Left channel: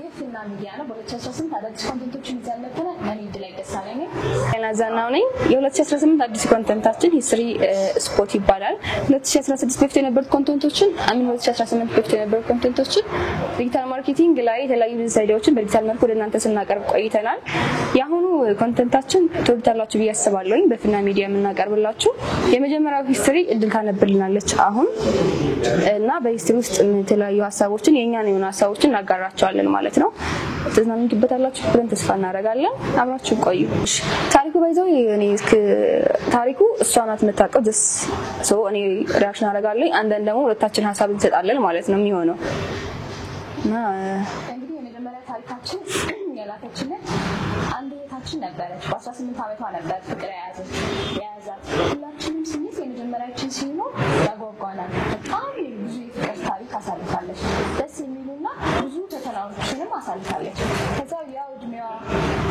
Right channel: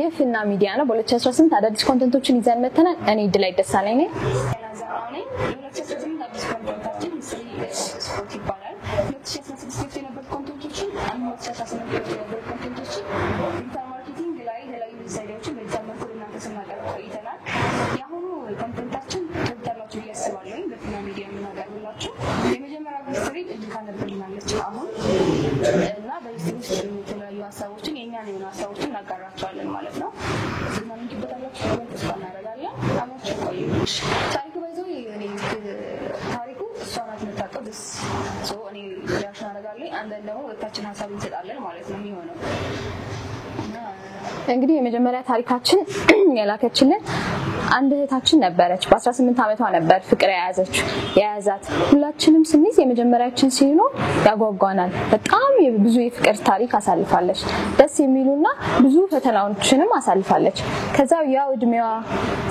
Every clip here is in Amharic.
የፊና ሚዲያ ነው በ2018 አዳዲስ ኮንተንቶችን ይዘን መተናል እኔ ድላይ ደሳለኝ ነኝ ያናዛናው ነኝ የ2018 አዲስ ኮንተንታችን ሂስትሪ ስፖርት ይባላል 2016 በፊት የነበሩ ኮንተንቶችን 2018 በፊት የነበሩ ኮንተንቶችን ዲጂታል ማርኬቲንግ ላይ የተለያዩ ቢዝነስ በዲጂታል መልኩ ለእናንተ ስናቀርብ ቆይተናል ያሁኑ ኮንተንታችን ትወዳላችሁ ብዬ አስባለሁ በፊና ሚዲያ የምናቀርብላችሁ የመጀመሪያው ሂስትሪ እድል ታነብልናለች አሁን እና በሂስትሪ ውስጥ የተለያዩ ሀሳቦችን የኛን የሆነ ሀሳቦችን እናጋራቸዋለን ማለት ነው ተዝናኑበታላችሁ ብለን ተስፋ እናደርጋለን አብራችሁ ቆዩ ታሪኩ ባይዘው እኔ ታሪኩ እሷናት መታቀው ደስ እኔ ሪአክሽን አደርጋለሁ አንደን ደግሞ ሁለታችን ሐሳብ እንሰጣለን ማለት ነው የሚሆነው እንግዲህ የመጀመሪያ ታሪካችን ያላከችልን አንድ እህታችን ነበረች በ18 አመቷ ነበር ፍቅር ያያዛት ሁላችንም ስንይዝ የመጀመሪያችን ሲሆን ያጓጓናል በጣም ብዙ የፍቅር ታሪክ አሳልፋለች ደስ የሚሉና ብዙ ፈተናዎችንም አሳልፋለች ከዛው ያው እድሜዋ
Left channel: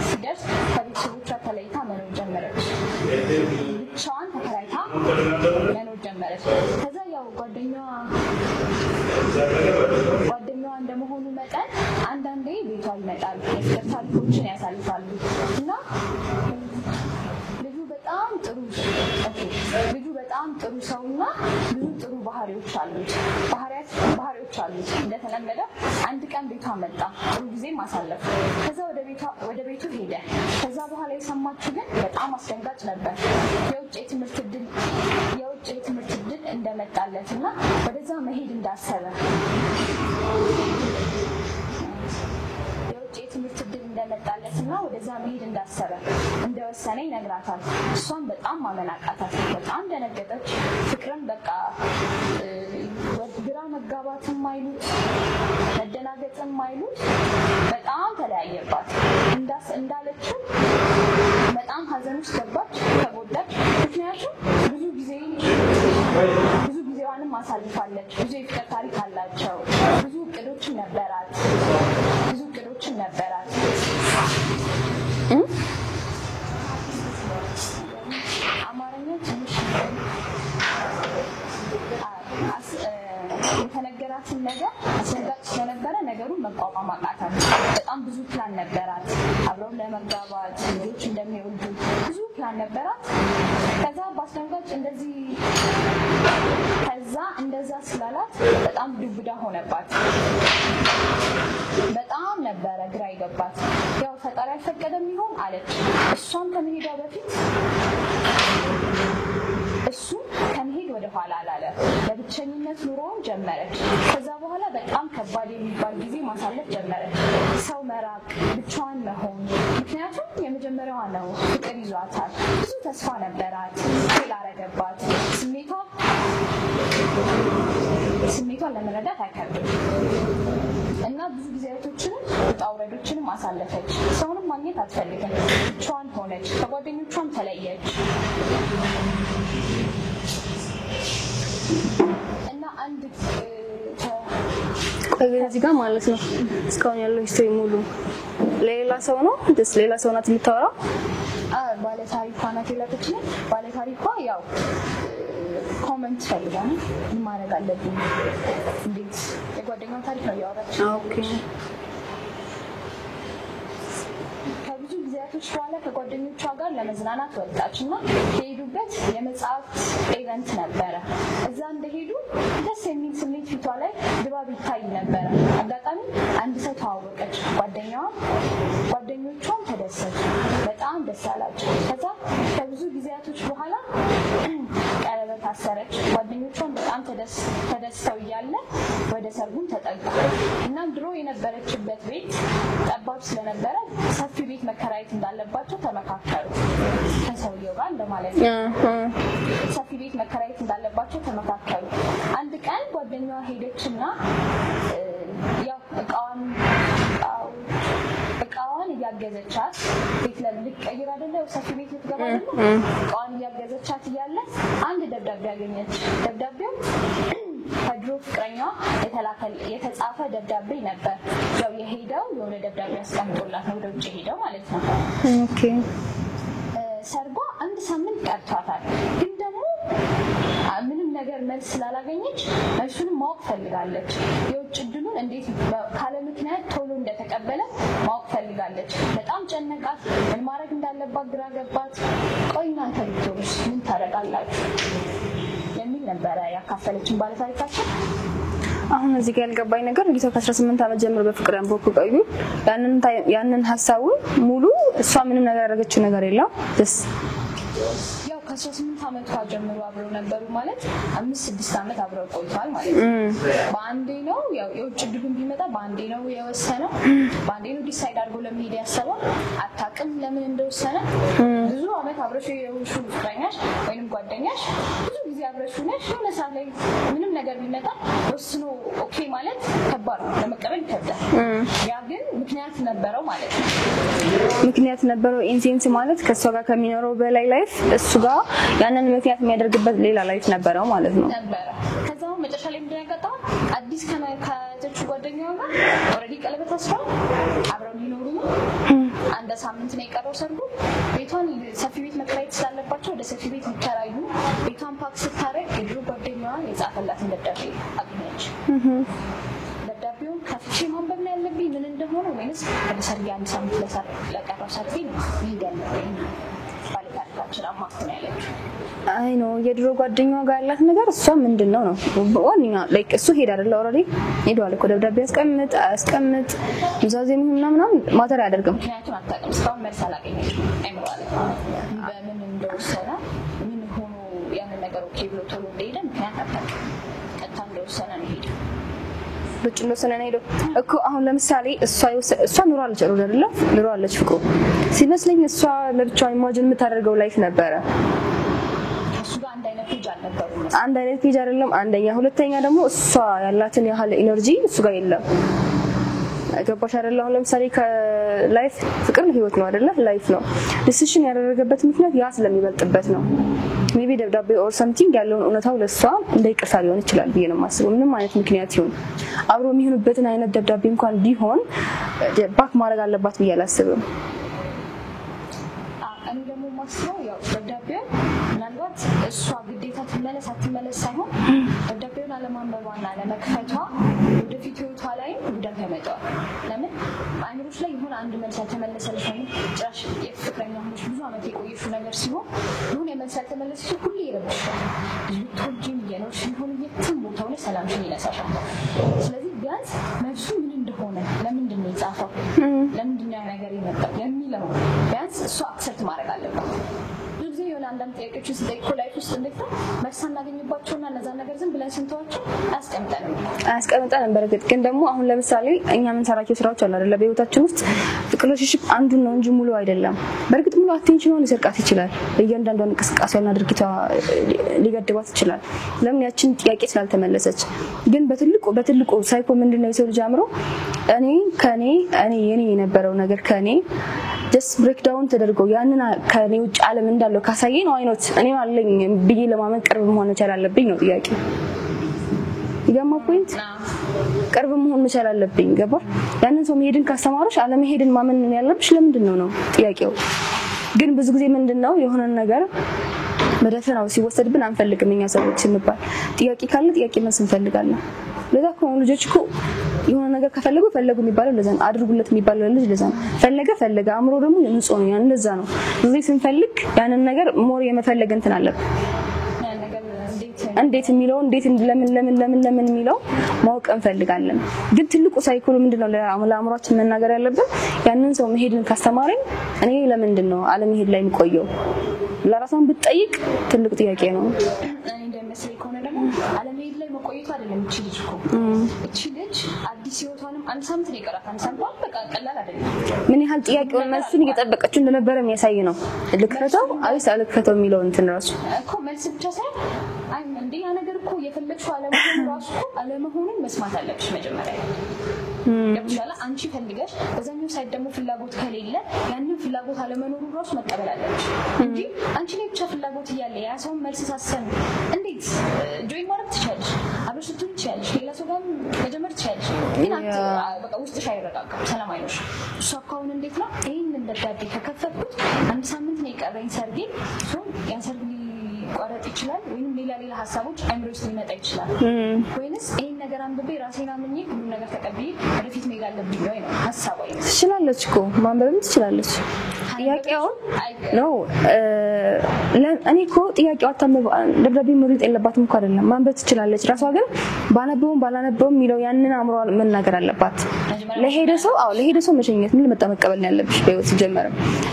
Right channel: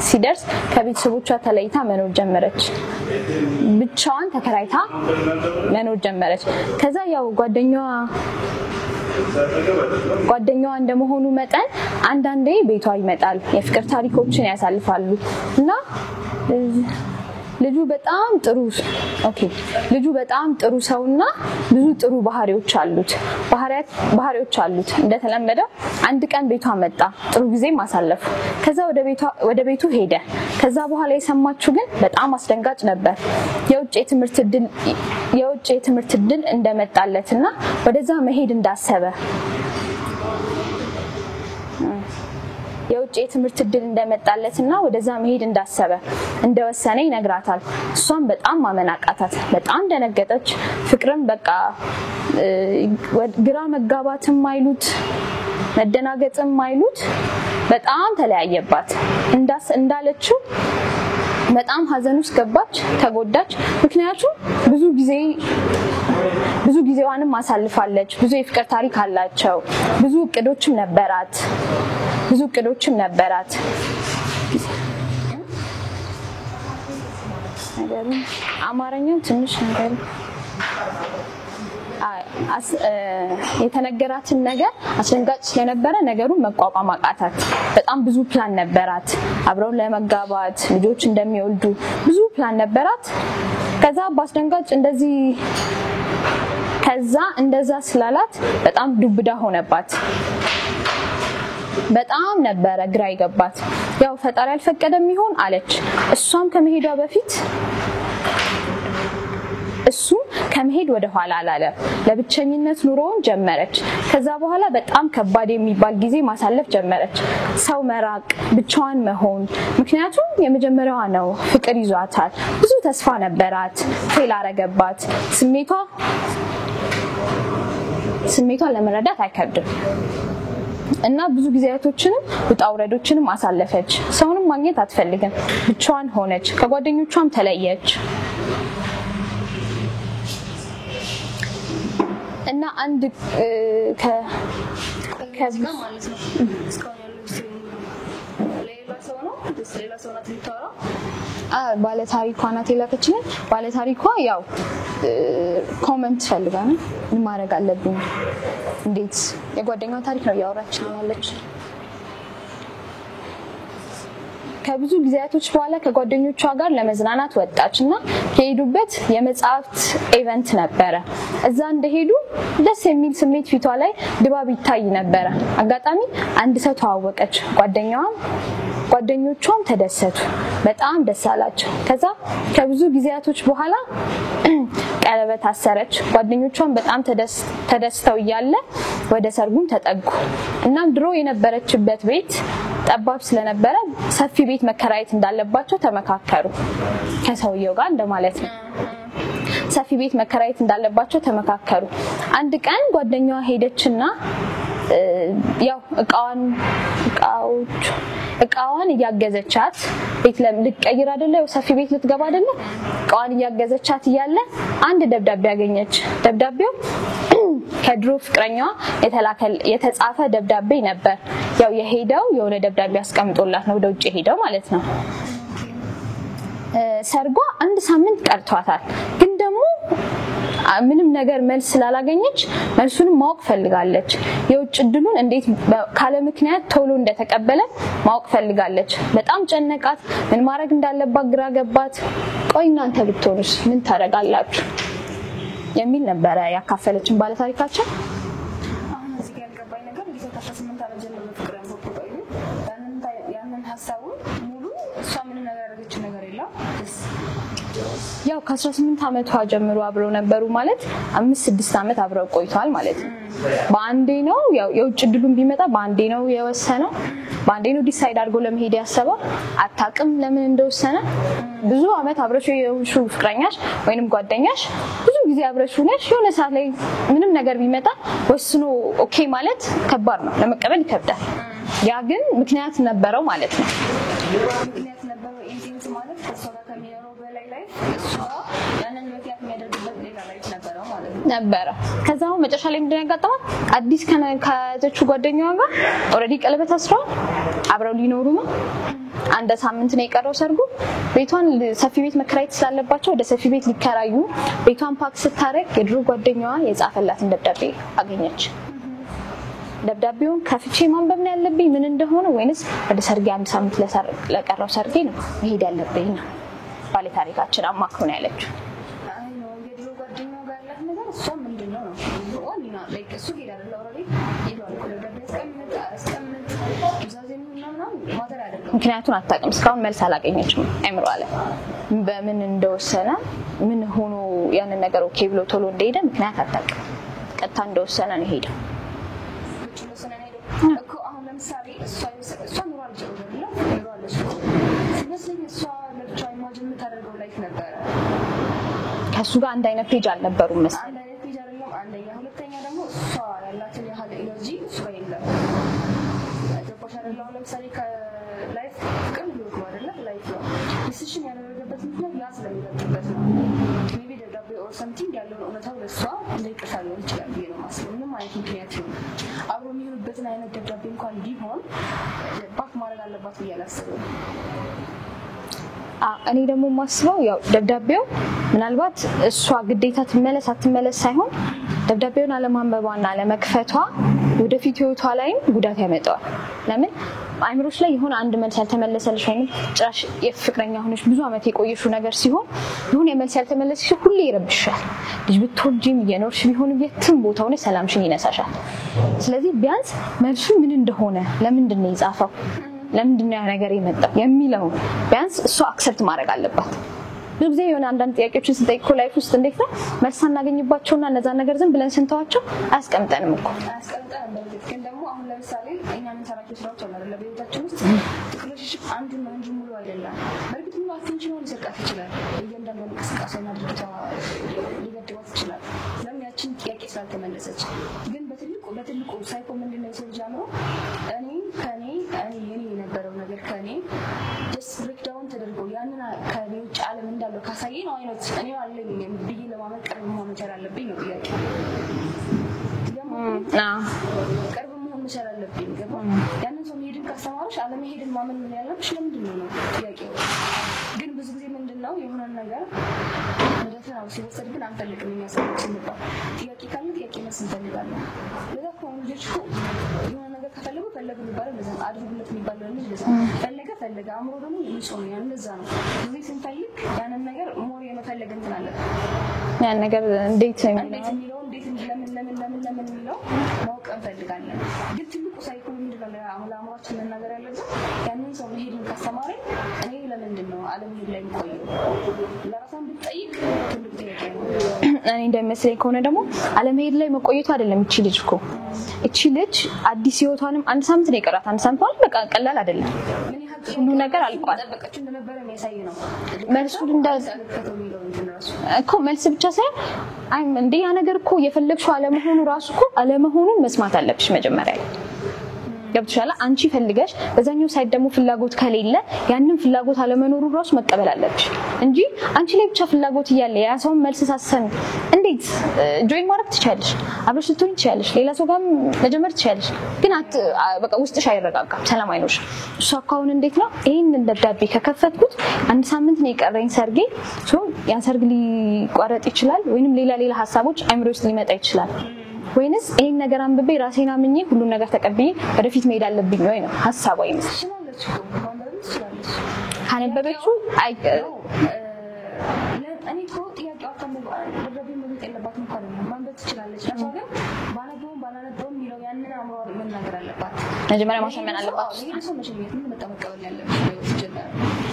ሲደርስ ከቤተሰቦቿ ተለይታ መኖር ጀመረች ብቻዋን ተከራይታ መኖር ጀመረች ከዛ ያው ጓደኛዋ እንደመሆኑ መጠን አንዳንዴ ቤቷ ይመጣል የፍቅር ታሪኮችን ያሳልፋሉ እና ልጁ በጣም ጥሩ ሰውና ብዙ ጥሩ ባህሪዎች አሉት እንደተለመደው አንድ ቀን ቤቷ መጣ ጥሩ ጊዜ ማሳለፍ ከዛ ወደ ቤቱ ሄደ ከዛ በኋላ የሰማችው ግን በጣም አስደንጋጭ ነበር የውጭ የትምህርት ዕድል እንደመጣለትና ወደዛ መሄድ እንዳሰበ የውጭ የትምህርት ዕድል እንደመጣለትና ወደዛ መሄድ እንዳሰበ እንደወሰነ ይነግራታል እሷም በጣም ማመናቃታት በጣም ደነገጠች ፍቅርን በቃ ግራ መጋባትም አይሉት መደናገጥም አይሉት በጣም ተለያየባት እንዳለችው በጣም ሀዘን ውስጥ ገባች ተጎዳች ምክንያቱም ብዙ ጊዜዋንም አሳልፋለች ብዙ የፍቅር ታሪክ አላቸው ብዙ እቅዶችም ነበራት አማርኛው ትንሽ ነገር የተነገራትን ነገር አስደንጋጭ ስለነበረ ነገሩን መቋቋም አቃታት በጣም ብዙ ፕላን ነበራት አብረው ለመጋባት ልጆች እንደሚወልዱ ብዙ ፕላን ነበራት ከዛ ባስደንጋጭ እንደዛ ስላላት በጣም ዱብዳ ሆነባት በጣም ነበረ ግራ ይገባት ያው ፈጣሪ አልፈቀደም ይሆን አለች እሷም ከመሄዷ በፊት እሱ ከመሄድ ወደ ኋላ አላለ ለብቸኝነት ኑሮውን ጀመረች ከዛ በኋላ በጣም ከባድ የሚባል ጊዜ ማሳለፍ ጀመረች ሰው መራቅ ብቻዋን መሆን ምክንያቱም የመጀመሪያዋ ነው ፍቅር ይዟታል ብዙ ተስፋ ነበራት ፌል አረገባት ስሜቷ ለመረዳት አይከብድም እና ብዙ ጊዜያቶችንም ውጣውረዶችንም አሳለፈች ሰውንም ማግኘት አትፈልግም ብቻዋን ሆነች ከጓደኞቿም ተለየች እና አንድ ከዚህ ጋር ማለት ነው እስካሁን ያለው ሂስትሪ ሙሉ ሌላ ሰው ነው ሌላ ሰው ናት የምታወራው ባለ ታሪኳ ናት የላከችልን ባለ ታሪኳ ያው ኮሜንት ፈልጋና ምን ማድረግ አለብኝ እንዴት የጓደኛው ታሪክ ነው ያወራችው ከብዙ ጊዜያቶች በኋላ ከጓደኞቿ ጋር ለመዝናናት ወጣችና ከሄዱበት የመጽሐፍት ኢቨንት ነበረ እዛ እንደሄዱ ደስ የሚል ስሜት ፊቷ ላይ ድባብ ይታይ ነበር አጋጣሚ አንድ ሰው ተዋወቀች ጓደኞቿም ተደሰቱ በጣም ደስ አላቸው ከዛ ከብዙ ጊዜያቶች በኋላ ቀለበት አሰረች ጓደኞቿም በጣም ተደስተው እያለ ወደ ሰርጉም ተጠጉ እናም ድሮ የነበረችበት ቤት ጠባብ ስለነበረ ሰፊ ቤት መከራየት እንዳለባቸው ተመካከሩ ከሰውየው ጋር እንደማለት ነው ሰፊ ቤት መከራየት እንዳለባቸው ተመካከሩ አንድ ቀን ጓደኛዋ ሄደችና ያው እቃዋን እያገዘቻት ቤት ልትቀይር አይደለ ሰፊ ቤት ልትገባ አይደለ እቃዋን እያገዘቻት እያለ አንድ ደብዳቤ ያገኘች ደብዳቤው ከድሮ ፍቅረኛዋ የተጻፈ ደብዳቤ ነበር ያው የሄደው የሆነ ደብዳቤ አስቀምጦላት ነው ወደ ውጭ ሄደው ማለት ነው ሰርጓ አንድ ሳምንት ቀርቷታል ግን ደግሞ ምንም ነገር መልስ ስላላገኘች መልሱንም ማወቅ ፈልጋለች። የውጭ እድሉን እንዴት ካለ ምክንያት ቶሎ እንደተቀበለ ማወቅ ፈልጋለች። በጣም ጨነቃት። ምን ማድረግ እንዳለባት ግራ ገባት። ቆይ እናንተ ብትሆኑስ ምን ታደርጋላችሁ የሚል ነበረ ያካፈለችን ባለታሪካችን። አሁን እዚህ ጋር ያልገባኝ ነገር ጊዜው ከ18 ዓመት ጀምሮ በፍቅር አንቦኩ ቆዩ። ያንን ሐሳቡን ሙሉ እሷ ምንም ነገር ያደረገችው ነገር የለም። ያው ከ18 ዓመቷ ጀምሮ አብረው ነበሩ ማለት 5-6 ዓመት አብረው ቆይተዋል ማለት ነው። በአንዴ ነው ያው የውጭ እድሉን ቢመጣ በአንዴ ነው የወሰነው። በአንዴ ነው ዲሳይድ አድርጎ ለመሄድ ያሰበው። አታውቅም ለምን እንደወሰነ። ብዙ ዓመት አብረሽ የሆንሽው ፍቅረኛሽ ወይንም ጓደኛሽ ብዙ ጊዜ አብረሽ ሆነሽ የሆነ ሰዓት ላይ ምንም ነገር ቢመጣ ወስኖ ኦኬ ማለት ከባድ ነው፣ ለመቀበል ይከብዳል። ያ ግን ምክንያት ነበረው ማለት ነው። ምክንያት ነበረው ኢንሴንስ ማለት ከሷ ጋር ከሚኖረው በላይ ላይፍ እሱ ጋር ያንን ምክንያት የሚያደርግበት ሌላ ላይፍ ነበረው ማለት ነው ነበረ። ከዛው መጨረሻ ላይ ምንድነው ያጋጠማት? አዲስ ከያዘችው ጓደኛዋ ጋር ኦሬዲ ቀለበት አስረው አብረው ሊኖሩ ነው። አንድ ሳምንት ነው የቀረው ሰርጉ። ቤቷን ሰፊ ቤት መከራየት ስላለባቸው ወደ ሰፊ ቤት ሊከራዩ ቤቷን ፓክ ስታረግ የድሮ ጓደኛዋ የጻፈላትን ደብዳቤ አገኘች። ደብዳቤውን ከፍቼ ማንበብ ነው ያለብኝ ምን እንደሆነ ወይንስ ወደ ሰርጌ አንድ ሳምንት ለቀረው ሰርጌ ነው መሄድ ያለብኝ ነው ባለ ታሪካችን አማክሮ ነው ያለችው። አይ ነው የድሮ ጓደኛዋ ጋር ያላት ነገር እሷ ምንድነው ነው ዋንኛ ላይክ እሱ ሄድ አይደል ኦሬዲ ሄዷል እኮ ደብዳቤ አስቀምጥ ኑዛዜ ምናምን ማተር ያደርገው ምክንያቱን አታውቅም። እስካሁን መልስ አላገኘችም። አይምሮ አለ በምን እንደወሰነ ምን ሆኖ ያንን ነገር ኦኬ ብሎ ቶሎ እንደሄደ ምክንያት አታውቅም። ቀጥታ እንደወሰነ ነው ሄደ። በጭሎ ሰነና ሄዶ እኮ አሁን ለምሳሌ እሷ ኑሯለች አይደል? ኑሯለች ፍቅሩ ሲመስለኝ እሷ ለብቻ ኢማጂን የምታደርገው ላይፍ ነበረ። ከሱ ጋር አንድ አይነት ፔጅ አልነበሩም። አንድ አይነት ፔጅ አይደለም አንደኛ፣ ሁለተኛ ደግሞ እሷ ያላትን ያህል ኢነርጂ እሱ ጋር የለም። ገባሽ አይደል? አሁን ለምሳሌ ከላይፍ ፍቅር ህይወት ነው አይደል? ላይፍ ነው። ዲሲሽን ያደረገበት ምክንያት ያ ስለሚበልጥበት ነው። ሜቢ ደብዳቤ ኦር ሰምቲንግ ያለውን እውነታው ለሷ እንዳይቀርሳ ሊሆን ይችላል ብዬ ነው የማስበው። ምንም አይነት ምክንያት ይሁን አብሮ የሚሆኑበትን አይነት ደብዳቤ እንኳን ቢሆን ባክ ማድረግ አለባት ብዬ አላስብም። እኔ ደግሞ ማስበው ያው ደብዳቤው ምናልባት እሷ ግዴታ ትመለስ አትመለስ ሳይሆን ደብዳቤውን አለማንበቧና አለመክፈቷ ወደፊት ህይወቷ ላይ ጉዳት ያመጣዋል። ለምን አይምሮሽ ላይ የሆነ አንድ መልስ ያልተመለሰልሽ ወይም ጭራሽ የፍቅረኛ ሆነሽ ብዙ አመት የቆየሽው ነገር ሲሆን የሆነ መልስ ያልተመለሰልሽ ሁሌ ይረብሻል። ልጅ ብትወልጂም የኖርሽ ቢሆን የትም ቦታ ሆነ ሰላምሽን ይነሳሻል። ስለዚህ ቢያንስ መልሱ ምን እንደሆነ ለምንድን ነው የጻፈው ለምንድን ነው ያ ነገር የመጣው የሚለው ቢያንስ እሷ አክሰፕት ማድረግ አለባት። ብዙ ጊዜ የሆነ አንዳንድ ጥያቄዎችን ስጠይቅ ላይፍ ውስጥ እንዴት ነው መልስ እናገኝባቸውና እነዛ ነገር ዝም ብለን ስንተዋቸው አያስቀምጠንም። በርግጥ ግን ደግሞ አሁን ለምሳሌ እኛ የምንሰራቸው ስራዎች አሉ አይደል? በህይወታችን ውስጥ ሪሌሽንሺፕ አንዱ ነው እንጂ ሙሉ አይደለም። በርግጥ ሙሉ አቴንሽኑን ሊሰርቃት ይችላል። እያንዳንዷን እንቅስቃሴና ድርጊቷ ሊገድባት ይችላል። ለምን ያችን ጥያቄ ስላልተመለሰች። ግን በትልቁ ሳይኮ ምንድነው የሰው ልጅ አምሮ እኔ የኔ የነበረው ነገር ከኔ just break down ተደርጎ ያንን ከኔ ውጭ ዓለም እንዳለው ካሳየኝ ነው አይኖት እኔ አለኝ ብዬ ለማመን ቅርብ መሆን መቻል አለብኝ ነው ጥያቄ። ይገማ ፖይንት ቅርብ መሆን መቻል አለብኝ። ገባ? ያንን ሰው መሄድን ካስተማሩሽ አለመሄድን ማመን ያለብሽ ለምንድን ነው ጥያቄው። ግን ብዙ ጊዜ ምንድነው የሆነ ነገር በደፈናው ሲወሰድብን አንፈልግም እኛ ሰዎች ስንባል ጥያቄ ካለ ጥያቄ መልስ እንፈልጋለን። ለዛ ከሆነ ልጆች እኮ የሆነ ነገር ከፈለጉ የሚባለው ለዛ ነው። አድርጉለት የሚባለው ልጅ ለዛ ነው። ፈለገ አእምሮ ደግሞ ንጹህ ነው። ያን ለዛ ነው እዚህ ስንፈልግ ያንን ነገር ሞር የመፈለግ እንትን አለብን። ያን ነገር እንዴት የሚለው እንዴት ለምን የሚለው ማወቅ እንፈልጋለን። ግን ትልቁ ሳይኮሎ ምንድነው ለአእምሮአችን መናገር ያለብን ያንን ሰው መሄድን ካስተማረኝ እኔ ለምንድን ነው አለመሄድ ላይ የምቆየው ለራሷን ብትጠይቅ ትልቁ ጥያቄ ነው። እኔ እንደሚመስለኝ ከሆነ ደግሞ አለመሄድ ላይ መቆየቱ አይደለም እቺ ልጅ አዲስ ህይወቷንም አንድ ሳምንት ነው የቀራት። አንድ ሳምንት ማለት በቃ ቀላል አይደለም። ምን ያህል ጥያቄ ነገር እየጠበቀችው እንደነበረ የሚያሳይ ነው። ልከተው የሚለው እንትን ራሱ እኮ መልስ ብቻ ሳይሆን እንዴ ያ ነገር እኮ የፈለግሽው አለመሆኑ ራሱ እኮ አለመሆኑን መስማት አለብሽ መጀመሪያ ላይ። ገብቶሻል አንቺ ፈልገሽ በዛኛው ሳይድ ደግሞ ፍላጎት ከሌለ ያንን ፍላጎት አለመኖሩ ራሱ መቀበል አለብሽ እንጂ አንቺ ላይ ብቻ ፍላጎት እያለ ያ ሰው መልስ ሳሰን እንዴት ጆይን ማድረግ ትችያለሽ አብረሽ ልትሆኚ ትችያለሽ ሌላ ሰው ጋር መጀመር ትችያለሽ ግን በቃ ውስጥሽ አይረጋጋም ሰላም አይኖርሽ እሱ አካውን እንዴት ነው ይሄንን ደብዳቤ ከከፈትኩት አንድ ሳምንት ነው የቀረኝ ሰርጌ ሶ ያ ሰርግ ሊቋረጥ ይችላል ወይንም ሌላ ሀሳቦች አይምሮ ውስጥ ሊመጣ ይችላል ወይንስ ይሄን ነገር አንብቤ ራሴን አምኜ ሁሉ ነገር ተቀብዬ ወደፊት መሄድ አለብኝ ወይ ነው ሐሳቡ አይነት ትችላለች እኮ ማንበብም ትችላለች ካነበበው ነው እኔ እኮ ጥያቄው አታምብ ደብዳቤ መርጥ የለባትም እኮ አይደለም ማንበብ ትችላለች ራሷ ግን ባላነበውም የሚለው ያንን አምሮ መናገር አለባት ለሄደ ሰው መሸኘት ምን ለመጣ መቀበል ነው ያለብሽ በህይወት ጀመረ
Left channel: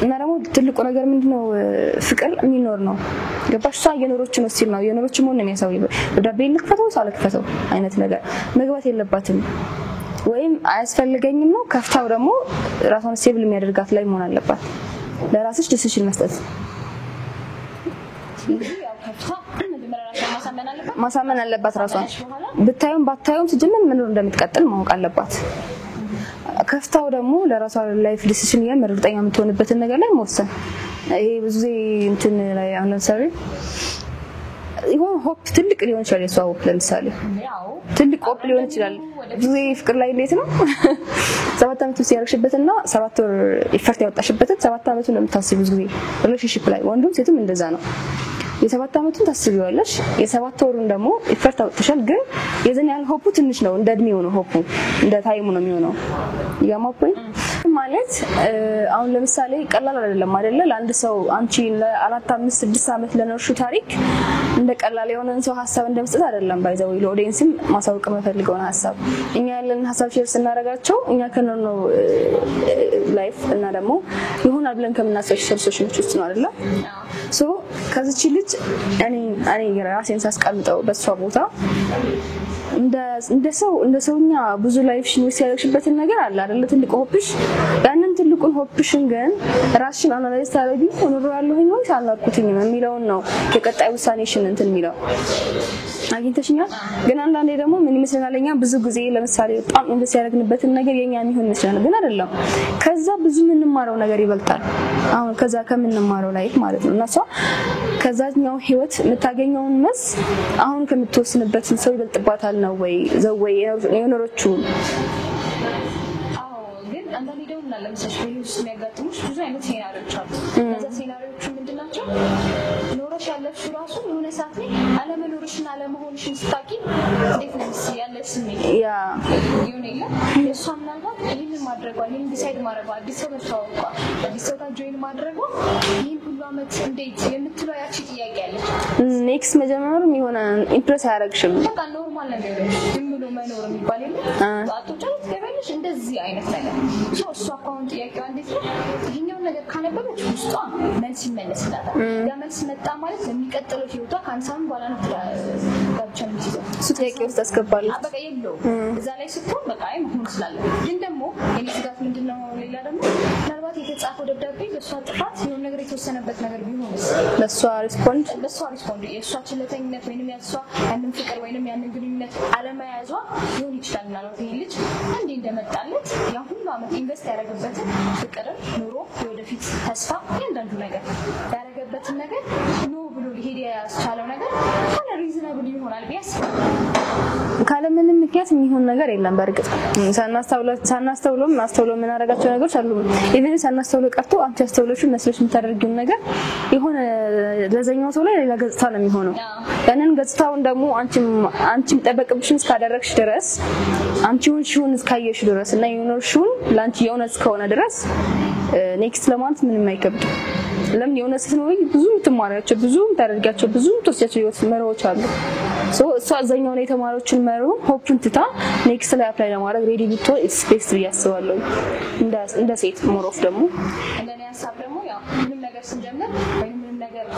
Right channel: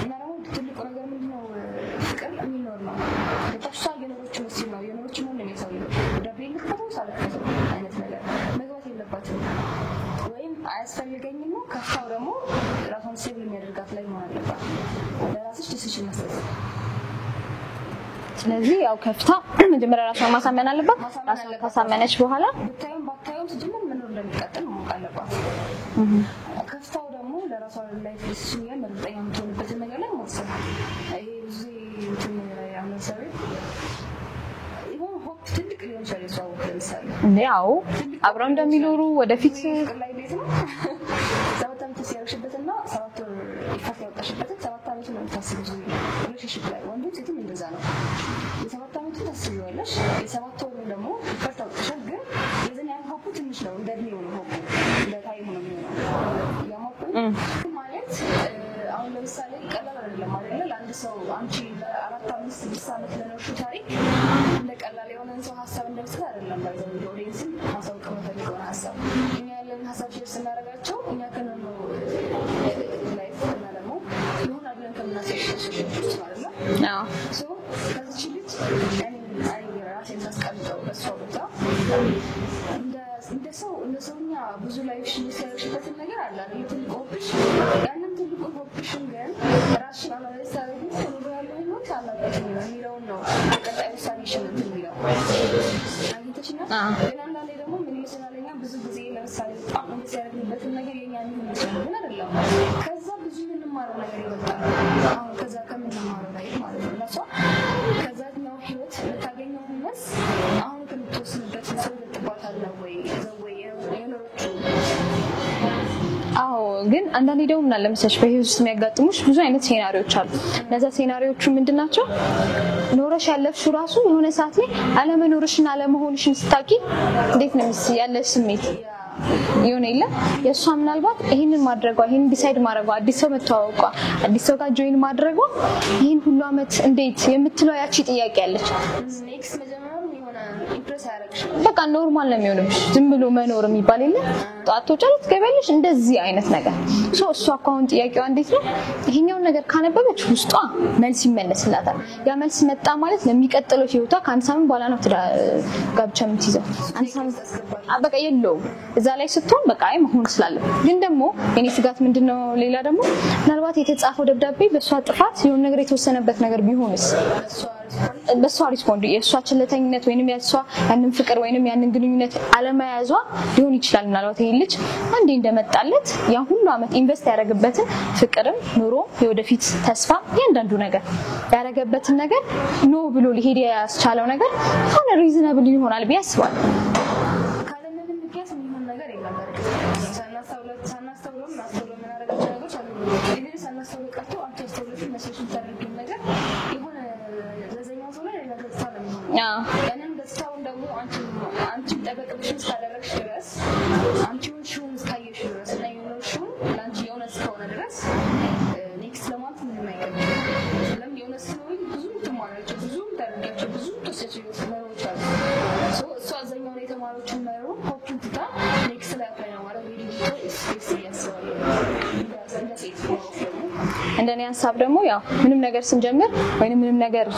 እና ደግሞ ትልቁ ነገር ምንድነው ፍቅር የሚኖር ነው ገባሽ እሷ የኖሮች ነው ሲል ነው የኖሮች ምን ነው የሚያሳየው ደብዳቤ ልክፈተው ሳልክፈተው አይነት ነገር መግባት የለባትም ወይም አያስፈልገኝም ነው ከፍታው ደግሞ ራሷን ሴቭ የሚያደርጋት ላይ መሆን አለባት ለራስሽ ዲሲሽን መስጠት ስለዚህ ያው ከፍታ መጀመሪያ ራሷን ማሳመን አለባት ማሳመነች በኋላ ባታዩም ትጀምር ምን እንደምትቀጥል ማወቅ አለባት ከፍታው ደግሞ ለራሷ ላይፍ ዲሲሽን የምርጠኛ የምትሆንበትን ነገር ላይ መወሰን ይሄ ብዙ እንትን ላይ አሁን ሰሪ ይሁን ሆፕ ትልቅ ሊሆን ይችላል የሷው ለምሳሌ ያው ትልቅ ሆፕ ሊሆን ይችላል ወደፊት ፍቅር ላይ እንዴት ነው 7 አመት ሲያርሽበትና 7 ወር ኢፈርት ያወጣሽበትን 7 አመት ነው የምታስቢው ብዙ ሪሌሽንሺፕ ላይ ወንዱም ሴትም እንደዛ ነው የ7 አመቱን ታስቢዋለሽ የ7 ወሩን ደግሞ ኢፈርት አውጥተሻል ግን የዘን ያህል ሆፑ ትንሽ ነው እንደ እድሜው ነው ሆፑ እንደ ታይሙ ነው የሚሆነው ያማፖይ ማለት አሁን ለምሳሌ ቀላል አይደለም ለአንድ ሰው አንቺ ለ4 5 6 አመት ለነርሹ ታሪክ እንደ ቀላል የሆነን ሰው ሐሳብ እንደምጽት አይደለም ባይዘው ለኦዲየንስም ማሳወቅ መፈልገው ሐሳብ እኛ ያለን ሐሳብ ሼር ስናረጋቸው እኛ ከነው ላይፍ እና ደግሞ ይሆናል ብለን ከምናሰው ሶሉሽኖች ውስጥ ነው አይደል ሶ ከዚች ልጅ እኔ ራሴን ሳስቀምጠው በሷ ቦታ እንደ ሰውኛ ብዙ ላይፍ ሽንስ ያለሽበትን ነገር አለ አይደል ትልቁ ሆፕሽ ያንን ትልቁን ሆፕሽን ግን ራስሽን አናላይዝ ታረጊ ሆኖ ያለሁኝ ወይ ሳላቁትኝ የሚለው ነው የቀጣይ ውሳኔሽን እንትን የሚለው አግኝተሽኛል ግን አንዳንዴ ደግሞ ምን ይመስላልኛ ብዙ ጊዜ ለምሳሌ በጣም እንደስ ያደርግንበትን ነገር የኛ የሚሆን ይችላል ግን አይደለም ከዛ ብዙ ምንማረው ነገር ይበልጣል አሁን ከዛ ከምንማረው ላይፍ ማለት ነው እና ከዛኛው ህይወት የምታገኘውን መስ አሁን ከምትወስንበት ሰው ይበልጥባታል ነው ወይ ዘወይ የኖሮቹ ግን አንዳንዴ ደግሞ እና ለምሳሌ በህይወት ውስጥ የሚያጋጥሙሽ ብዙ አይነት ሴናሪዮች አሉ እነዛ ሴናሪዮቹ ምንድናቸው ኖረሽ ያለፍሽው ራሱ የሆነ ሰዓት ላይ አለመኖርሽና አለመሆንሽን ስታቂ እንዴት ነው ያለሽ ስሜት ያ የሆነ የለ የሷ ምናልባት ይሄንን ማድረጓ ይሄን ዲሳይድ ማድረጓ አዲስ ሰው መተዋወቋ አዲስ ሰው ጋር ጆይን ማድረጓ ይሄን ሁሉ አመት እንዴት የምትለው ያቺ ጥያቄ አለች ኔክስት መጀመሩም የሆነ ኢምፕረስ ያደርግሽም በቃ ኖርማል ነው የሚሆነው ዝም ብሎ መኖር የሚባል የለ ጧቶች አሉት ገበልሽ እንደዚህ አይነት ነገር እሷ አሁን ጥያቄዋ እንዴት ነው ይሄኛው ነገር ካነበበች ውስጧ መልስ ይመለስላታል ያ መልስ መጣ ማለት ለሚቀጥለው ህይወቷ ከአንድ ሳምንት በኋላ ነው ጋብቻ የምትይዘው ጥያቄ ውስጥ አስገባለች በቃ የለውም እዛ ላይ ስትሆን በቃ አይ መሆን ስላለ ግን ደግሞ የኔ ስጋት ምንድነው ሌላ ደግሞ ምናልባት የተጻፈው ደብዳቤ በሷ ጥፋት የሆነ ነገር የተወሰነበት ነገር ቢሆንስ በሷ ሪስፖንድ የሷ ችለተኝነት ወይንም ያሷ ያንን ፍቅር ወይንም ያንን ግንኙነት አለመያዟ ሊሆን ይችላል ምናልባት ይሄ ልጅ አንዴ እንደመጣለት ያ ሁሉ አመት ኢንቨስት ያደረገበትን ፍቅርም ኑሮ የወደፊት ተስፋ ያንዳንዱ ነገር ያደረገበትን ነገር ኖ ብሎ ሊሄድ ያስቻለው ነገር ሆነ ሪዝነብል ይሆናል ቢያስባል ካለምንም ምክንያት የሚሆን ነገር የለም በርግጥ ሳናስተውለው ምን አደረጋቸው ነገሮች አሉ ኢቭን ሳናስተውለው ቀርቶ አንቺ አስተውለሽው መስለሽ የምታደርጊው ነገር የሆነ ለዘኛው ሰው ላይ ሌላ ገጽታ ነው የሚሆነው ያንን ገጽታውን ደግሞ አንቺም ጠበቅብሽን እስካደረግሽ ድረስ አንቺውን ሽውን እስካየሽ ድረስ እና የሆነሽውን ላንቺ የሆነስ ከሆነ ድረስ ኔክስት ለማንት ምንም አይከብድም ለምን የሆነስ ነው ብዙ ትማሪያቸው ብዙ ታደርጋቸው ብዙ ተስያቸው ይወስመሮች አሉ እሷ አዘኛው ላይ ተማሪዎችን መሩ ሆፕን ትታ ኔክስት ላይ አፕላይ ለማድረግ ሬዲ ብትሆን ስፔስ ያስባለው እንደ ሴት ሞሮፍ ደግሞ እንደኔ ሐሳብ ደግሞ ያው ምንም ነገር ስንጀምር ወይንም ምንም ነገር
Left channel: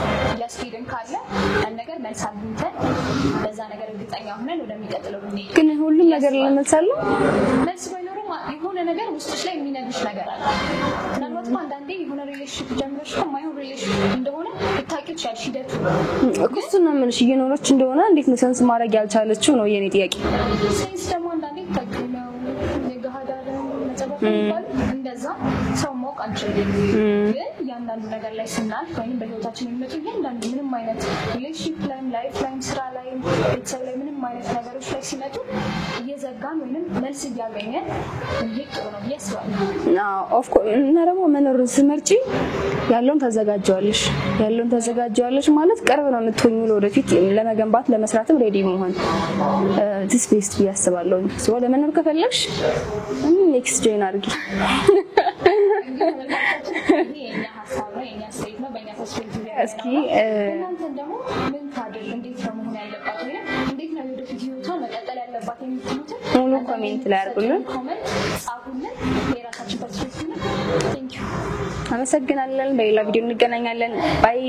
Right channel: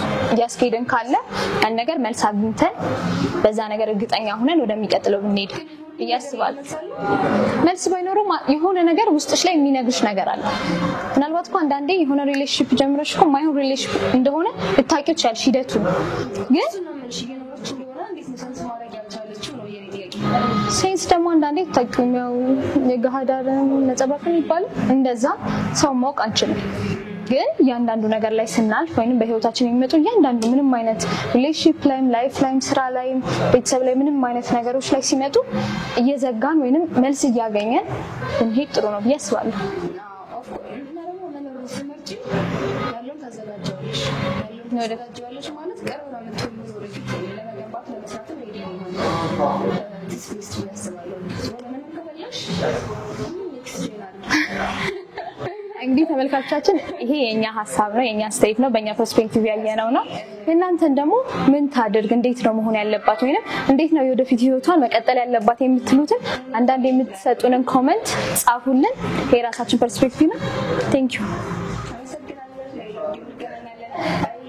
ያስኬደን ካለ ያን ነገር መልስ አግኝተን በዛ ነገር እርግጠኛ ሆነን ወደሚቀጥለው ብንሄድ ግን ሁሉ ነገር ይመልሳሉ መልስ ባይኖርም የሆነ ነገር ውስጥሽ ላይ የሚነግርሽ ነገር አለ ምናልባት እኮ አንዳንዴ የሆነ ሪሌሽንሺፕ ጀምረሽ እኮ ማይሆን ሪሌሽንሺፕ እንደሆነ ልታውቂው ትችያለሽ ሂደቱ ግን እሱ ነው ምንሽ እየኖረች እንደሆነ እንዴት ነው ሰንስ ማድረግ ያልቻለችው ነው የኔ ጥያቄ ሴንስ ደግሞ አንዳንዴ ታውቂው የጋሃዳርን ነጸብራቅ የሚባለው እንደዛ ሰው ማወቅ አንችልም ግን ያንዳንዱ ነገር ላይ ስናልፍ ወይንም በህይወታችን የሚመጡ ያንዳንዱ ምንም አይነት ሪሌሽንሺፕ ላይም ላይፍ ላይም ስራ ላይም ቤተሰብ ላይ ምንም አይነት ነገሮች ላይ ሲመጡ እየዘጋን ወይንም መልስ እያገኘን እንሄድ ጥሩ ነው ያስባል ኦፍ ኮርስ እና ደግሞ መኖር ስመርጪ ያለውን ታዘጋጃለሽ ማለት ቀርብ ነው የምትሆኚው ለወደፊት ለመገንባት ለመስራትም ሬዲ መሆን this best ያስባለሁ ሶ ለመኖር ከፈለግሽ ኔክስት ጆይን አድርጊ እንግዲህ ተመልካቾቻችን ይሄ የኛ ሐሳብ ነው የኛ ስቴት ነው በእኛ ፐርስፔክቲቭ ያለነው ነው እናንተን ደግሞ ምን ታድርግ እንዴት ነው መሆን ያለባት ወይንም እንዴት ነው የወደፊት ህይወቷን መቀጠል ያለባት የምትሉትን አንዳንዴ የምትሰጡልን ኮሜንት ጻፉልን የራሳችን ፐርስፔክቲቭ ነው ቴንክ ዩ አመሰግናለን በሌላ ቪዲዮ እንገናኛለን ባይ